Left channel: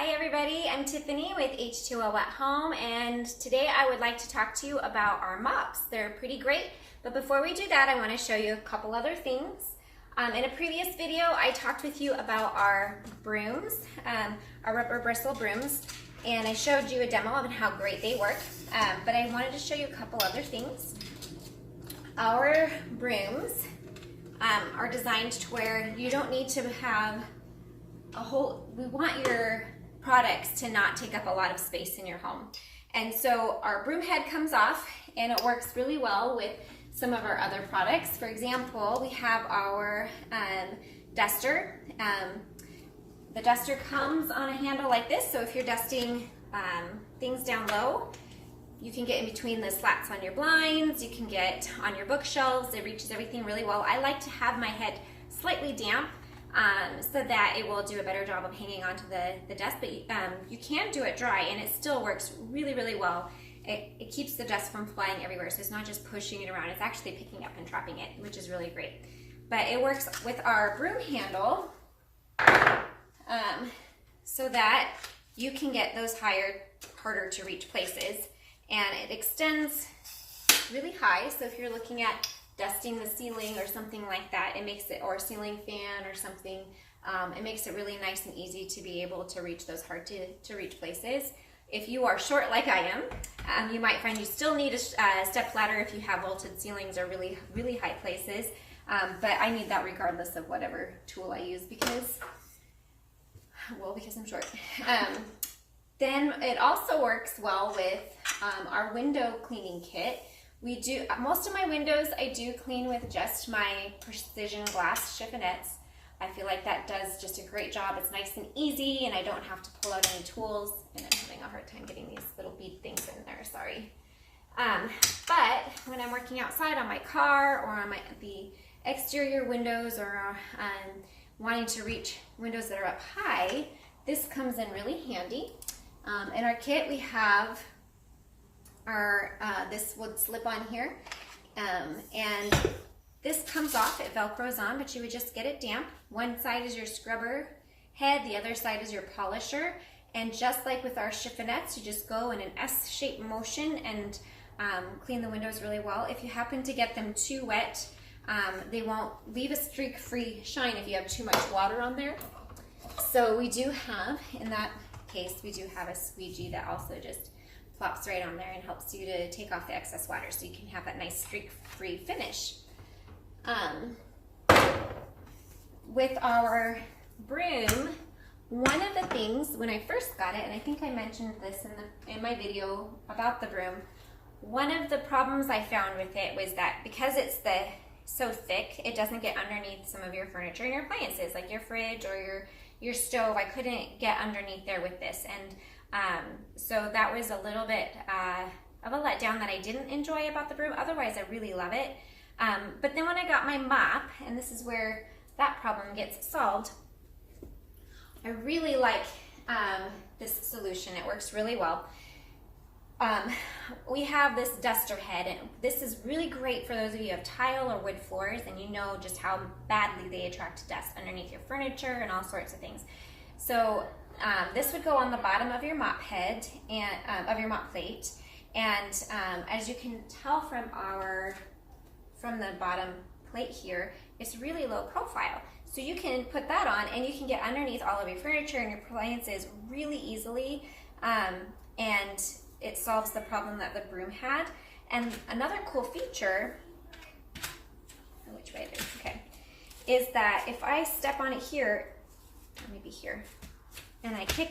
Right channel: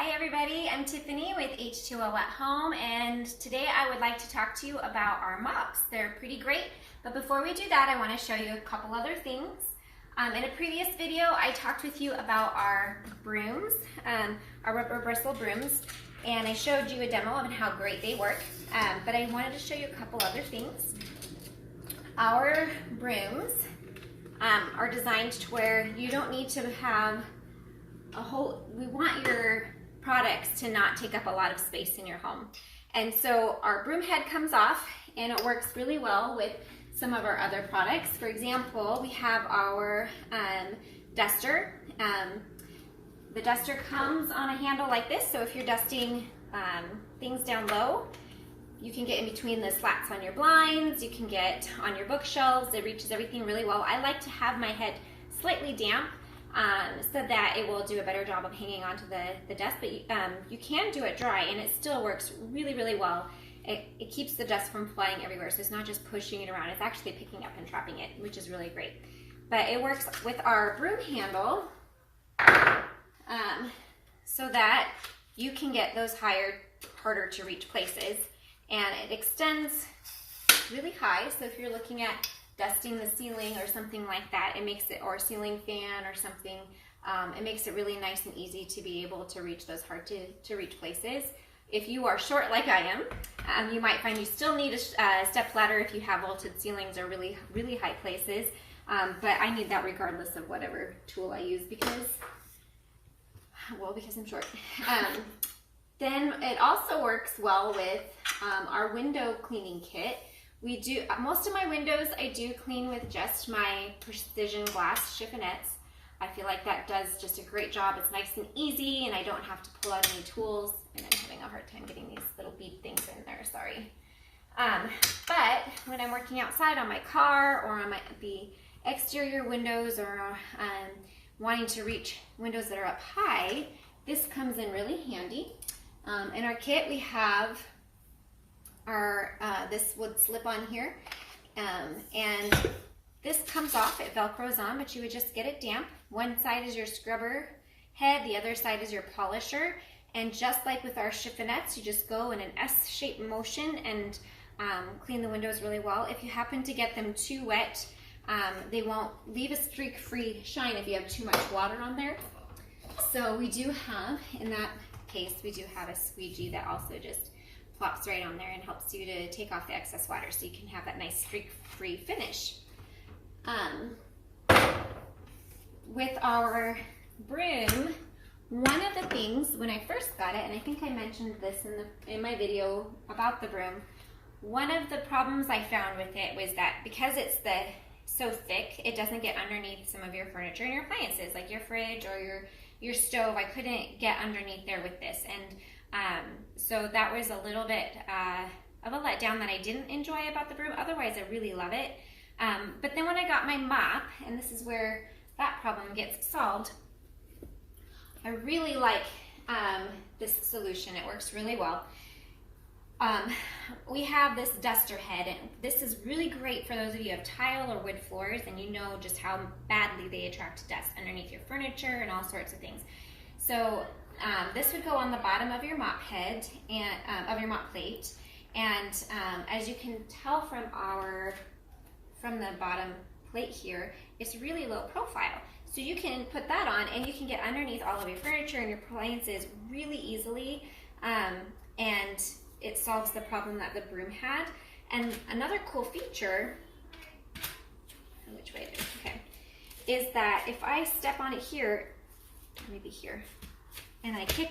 Hi everybody, I'm Tiffany with H2O at Home, and today I would like to talk to you about our mops. They're pretty great, but before we do that, I want to show you a couple other things. In a previous video, I talked with you about our brooms, our rubber bristle brooms, and I showed you a demo of how great they work, but I wanted to show you a couple other things. Our brooms are designed to where you don't need to have we want your products to not take up a lot of space in your home. And so our broom head comes off and it works really well with some of our other products. For example, we have our duster. The duster comes on a handle like this, so if you're dusting things down low, you can get in between the slats on your blinds, you can get on your bookshelves. It reaches everything really well. I like to have my head slightly damp so that it will do a better job of hanging onto the desk, but you can do it dry and it still works really, really well. It keeps the dust from flying everywhere, so it's not just pushing it around, it's actually picking up and trapping it, which is really great. But it works with our broom handle so that you can get those harder to reach places, and it extends really high, so if you're looking at dusting the ceiling or something like that, it makes it, or a ceiling fan or something, it makes it really nice and easy to be able to reach those hard to reach places. If you are short like I am, you might find you still need a step ladder if you have vaulted ceilings or really, really high places, but I need that regardless of whatever tool I use because I'm short. Then it also works well with our window cleaning kit. Most of my windows I do clean with just my precision glass chiffonnettes. I feel like that does just a great job. It's nice and easy and I don't have to pull out any tools, and I'm having a hard time getting these little bead things in there, sorry. But when I'm working outside on my car or on the exterior windows or wanting to reach windows that are up high, this comes in really handy. In our kit we have this would slip on here, and this comes off, it velcros on, but you would just get it damp. One side is your scrubber head, the other side is your polisher, and just like with our chiffonnettes, you just go in an S-shaped motion and clean the windows really well. If you happen to get them too wet, they won't leave a streak-free shine if you have too much water on there. So we do have, in that case, we do have a squeegee that also just plops right on there and helps you to take off the excess water so you can have that nice streak-free finish. With our broom, one of the things when I first got it, and I think I mentioned this in my video about the broom, one of the problems I found with it was that because it's so thick, it doesn't get underneath some of your furniture and your appliances, like your fridge or your stove. I couldn't get underneath there with this, and so that was a little bit of a letdown that I didn't enjoy about the broom. Otherwise, I really love it. But then when I got my mop, and this is where that problem gets solved, I really like this solution. It works really well. We have this duster head, and this is really great for those of you who have tile or wood floors and you know just how badly they attract dust underneath your furniture and all sorts of things. So this would go on the bottom of your mop head and of your mop plate, and as you can tell from the bottom plate here, it's really low profile. So you can put that on and you can get underneath all of your furniture and your appliances really easily, and it solves the problem that the broom had. And another cool feature, which way is it? Okay, is that if I step on it here, maybe here, and I kick,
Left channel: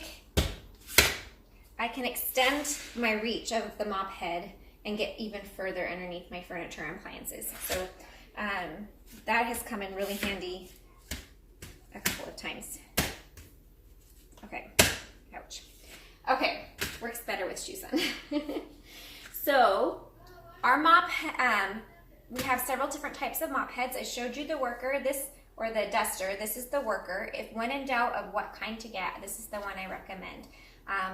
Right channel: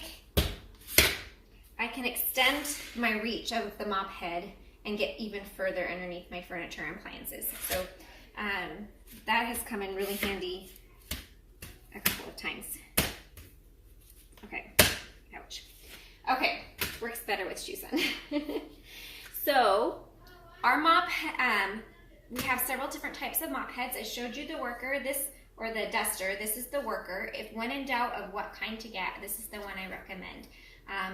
I can extend my reach of the mop head and get even further underneath my furniture and appliances. So that has come in really handy a couple of times. Okay, ouch. Okay, works better with shoes on. So our mop, we have several different types of mop heads. I showed you the worker, or the duster. This is the worker. If when in doubt of what kind to get, this is the one I recommend.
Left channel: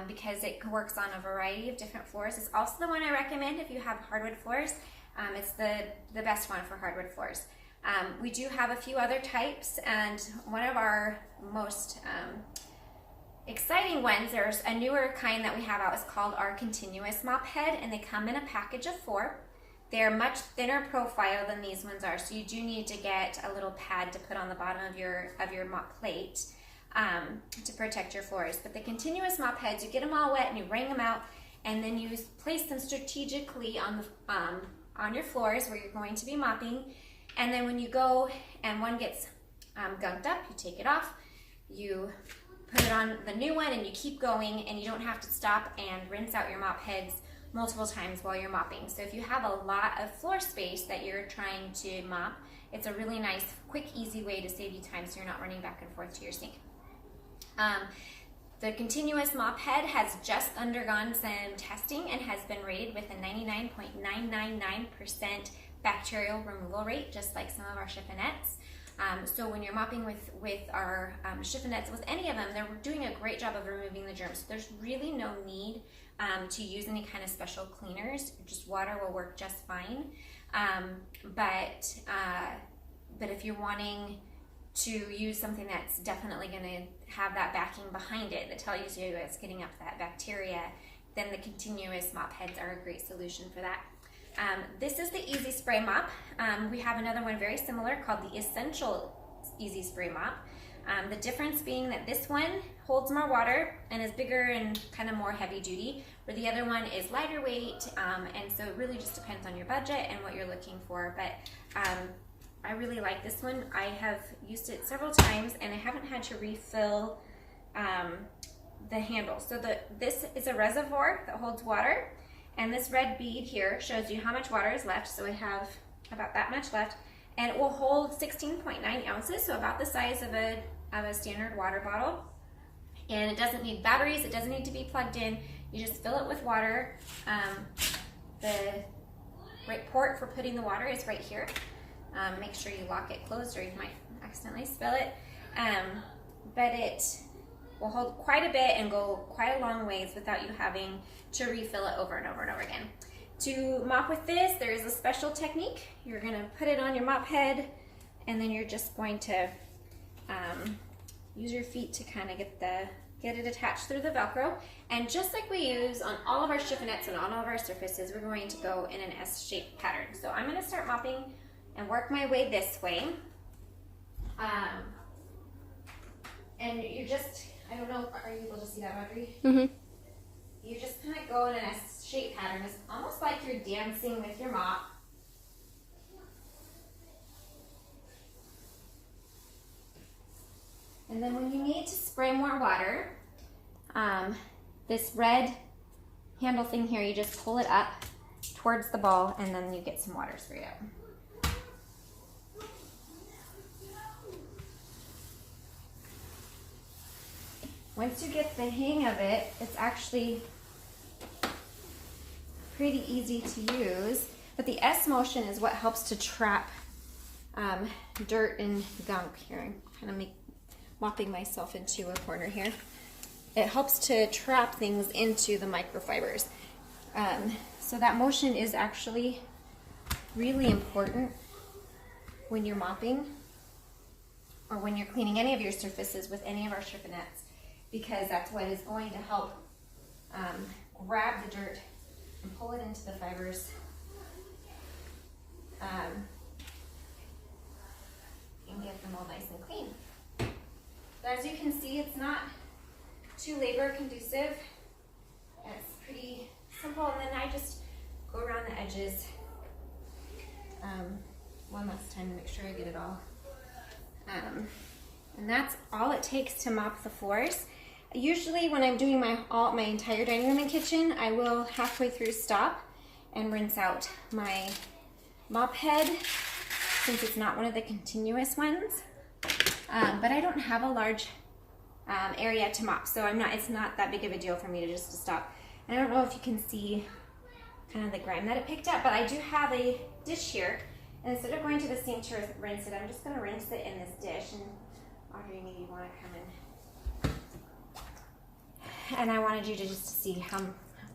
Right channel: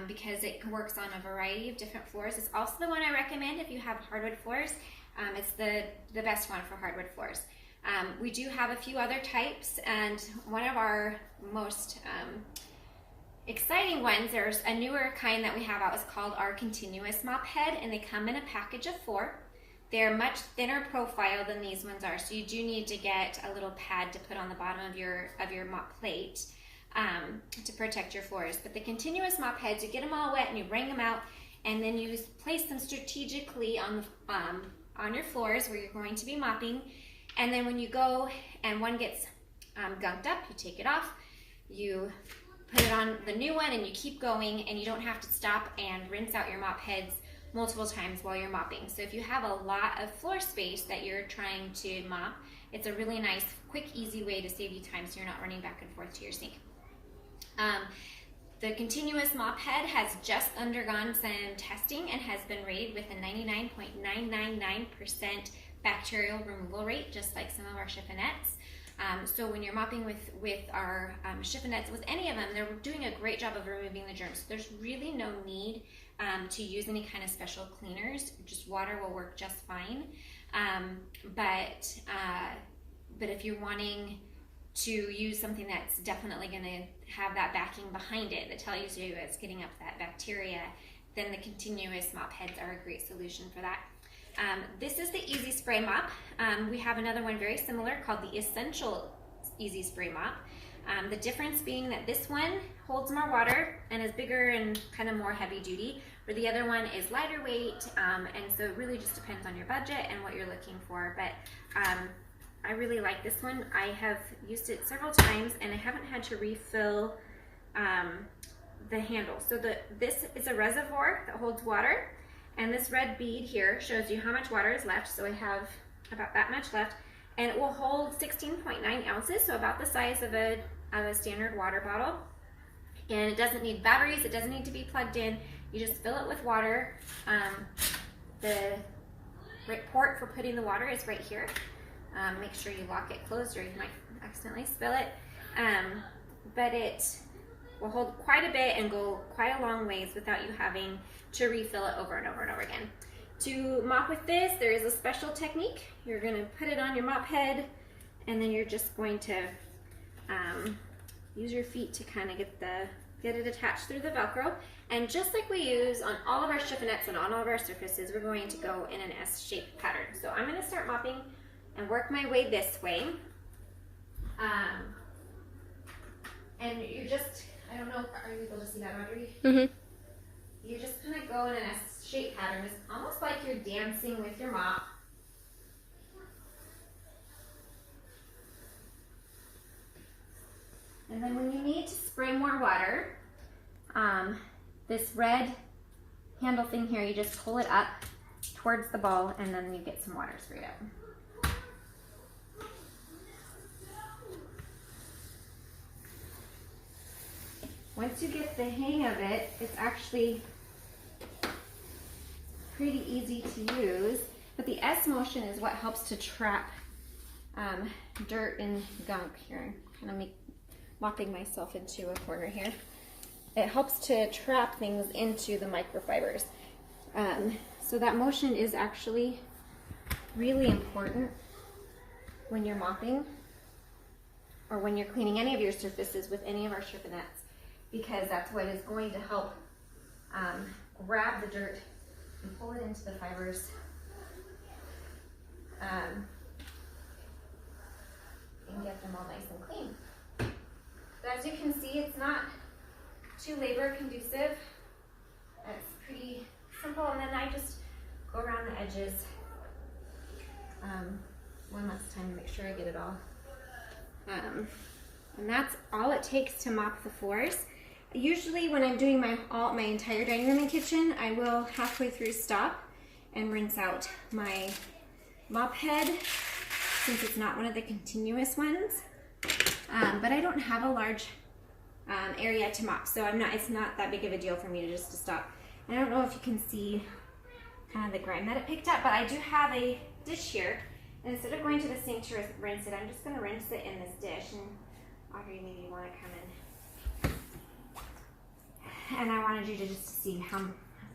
Because it works on a variety of different floors. It's also the one I recommend if you have hardwood floors. It's the best one for hardwood floors. We do have a few other types, and one of our most exciting ones, there's a newer kind that we have out. It's called our continuous mop head, and they come in a package of 4. They're much thinner profile than these ones are, so you do need to get a little pad to put on the bottom of your mop plate to protect your floors. But the continuous mop heads, you get them all wet and you wring them out, and then you place them strategically on your floors where you're going to be mopping. And then when you go and one gets gunked up, you take it off, you put it on the new one, and you keep going, and you don't have to stop and rinse out your mop heads multiple times while you're mopping. So if you have a lot of floor space that you're trying to mop, it's a really nice, quick, easy way to save you time so you're not running back and forth to your sink. The continuous mop head has just undergone some testing and has been rated with a 99.999% bacterial removal rate, just like some of our chiffonnettes. So when you're mopping with our chiffonnettes, with any of them, they're doing a great job of removing the germs. So there's really no need to use any kind of special cleaners. Just water will work just fine. But if you're wanting to use something that's definitely going to have that backing behind it that tells you it's getting up that bacteria, then the continuous mop heads are a great solution for that. This is the Easy Spray Mop. We have another one very similar called the Essential Easy Spray Mop. The difference being that this one holds more water and is bigger and kind of more heavy duty, where the other one is lighter weight, and so it really just depends on your budget and what you're looking for. But I really like this one. I have used it several times and I haven't had to refill the handle. So this is a reservoir that holds water, and this red bead here shows you how much water is left. So I have about that much left, and it will hold 16.9 ounces, so about the size of a standard water bottle. And it doesn't need batteries, it doesn't need to be plugged in. You just fill it with water. The right port for putting the water is right here. Make sure you lock it closed or you might accidentally spill it. But it will hold quite a bit and go quite a long ways without you having to refill it over and over and over again. To mop with this, there is a special technique. You're going to put it on your mop head, and then you're just going to use your feet to kind of get it attached through the Velcro. And just like we use on all of our chiffonnettes and on all of our surfaces, we're going to go in an S-shaped pattern. So I'm going to start mopping and work my way this way. And you just, I don't know, are you able to see that, Audrey? Mm-hmm. You just kind of go in an S-shaped pattern. It's almost like you're dancing with your mop. And then when you need to spray more water, this red handle thing here, you just pull it up towards the bowl, and then you get some water sprayed out. Once you get the hang of it, it's actually pretty easy to use, but the S motion is what helps to trap dirt and gunk here. I'm kind of mopping myself into a corner here. It helps to trap things into the microfibers. So that motion is actually really important when you're mopping or when you're cleaning any of your surfaces with any of our chiffonnettes, because that's what is going to help grab the dirt and pull it into the fibers and get them all nice and clean. So as you can see, it's not too labor conducive. It's pretty simple, and then I just go around the edges one last time to make sure I get it all. And that's all it takes to mop the floors. Usually when I'm doing my entire dining room and kitchen, I will halfway through stop and rinse out my mop head, since it's not one of the continuous ones. But I don't have a large area to mop, so it's not that big of a deal for me to stop. And I don't know if you can see kind of the grime that it picked up, but I do have a dish here, and instead of going to the sink to rinse it, I'm just going to rinse it in this dish. And Audrey, maybe you want to come in. And I wanted you to just see how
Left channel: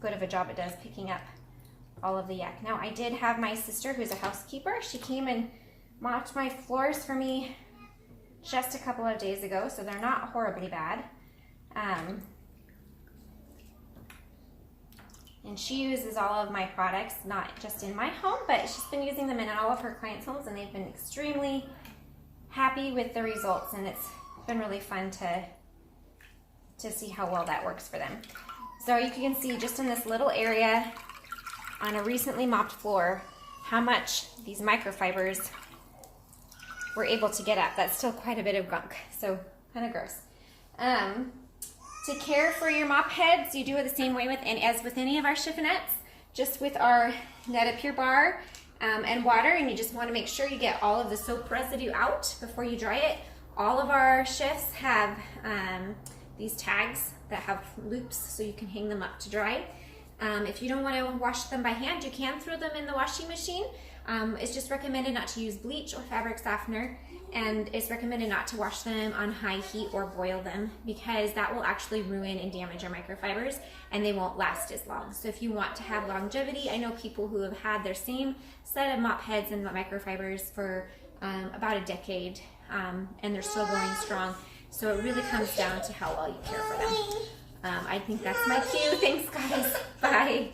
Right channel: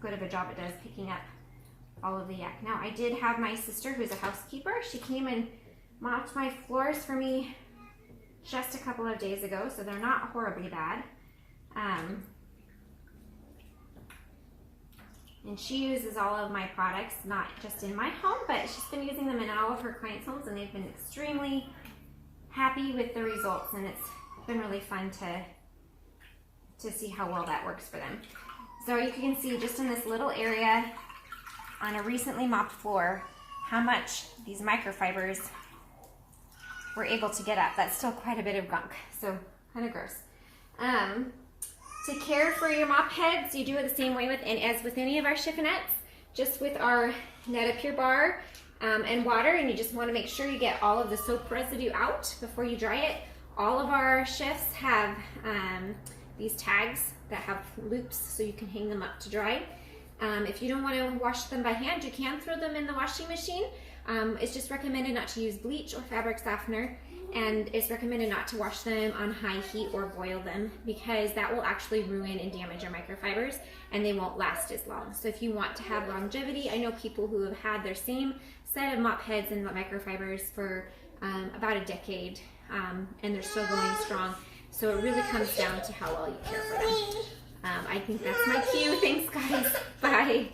good of a job it does picking up all of the yuck. Now, I did have my sister, who's a housekeeper. She came and mopped my floors for me just a couple of days ago, so they're not horribly bad. And she uses all of my products, not just in my home, but she's been using them in all of her clients' homes, and they've been extremely happy with the results, and it's been really fun to see how well that works for them. So you can see just in this little area on a recently mopped floor how much these microfibers were able to get up. That's still quite a bit of gunk, so kind of gross. To care for your mop heads, you do it the same way as with any of our chiffonnettes, just with our Net Pure bar and water, and you just want to make sure you get all of the soap residue out before you dry it. All of our shifts have these tags that have loops so you can hang them up to dry. If you don't want to wash them by hand, you can throw them in the washing machine. It's just recommended not to use bleach or fabric softener, and it's recommended not to wash them on high heat or boil them, because that will actually ruin and damage your microfibers and they won't last as long. So if you want to have longevity, I know people who have had their same set of mop heads and the microfibers for about a decade, and they're still going strong. So it really comes down to how well you care for them. I think that's my cue. Thanks, guys. Bye.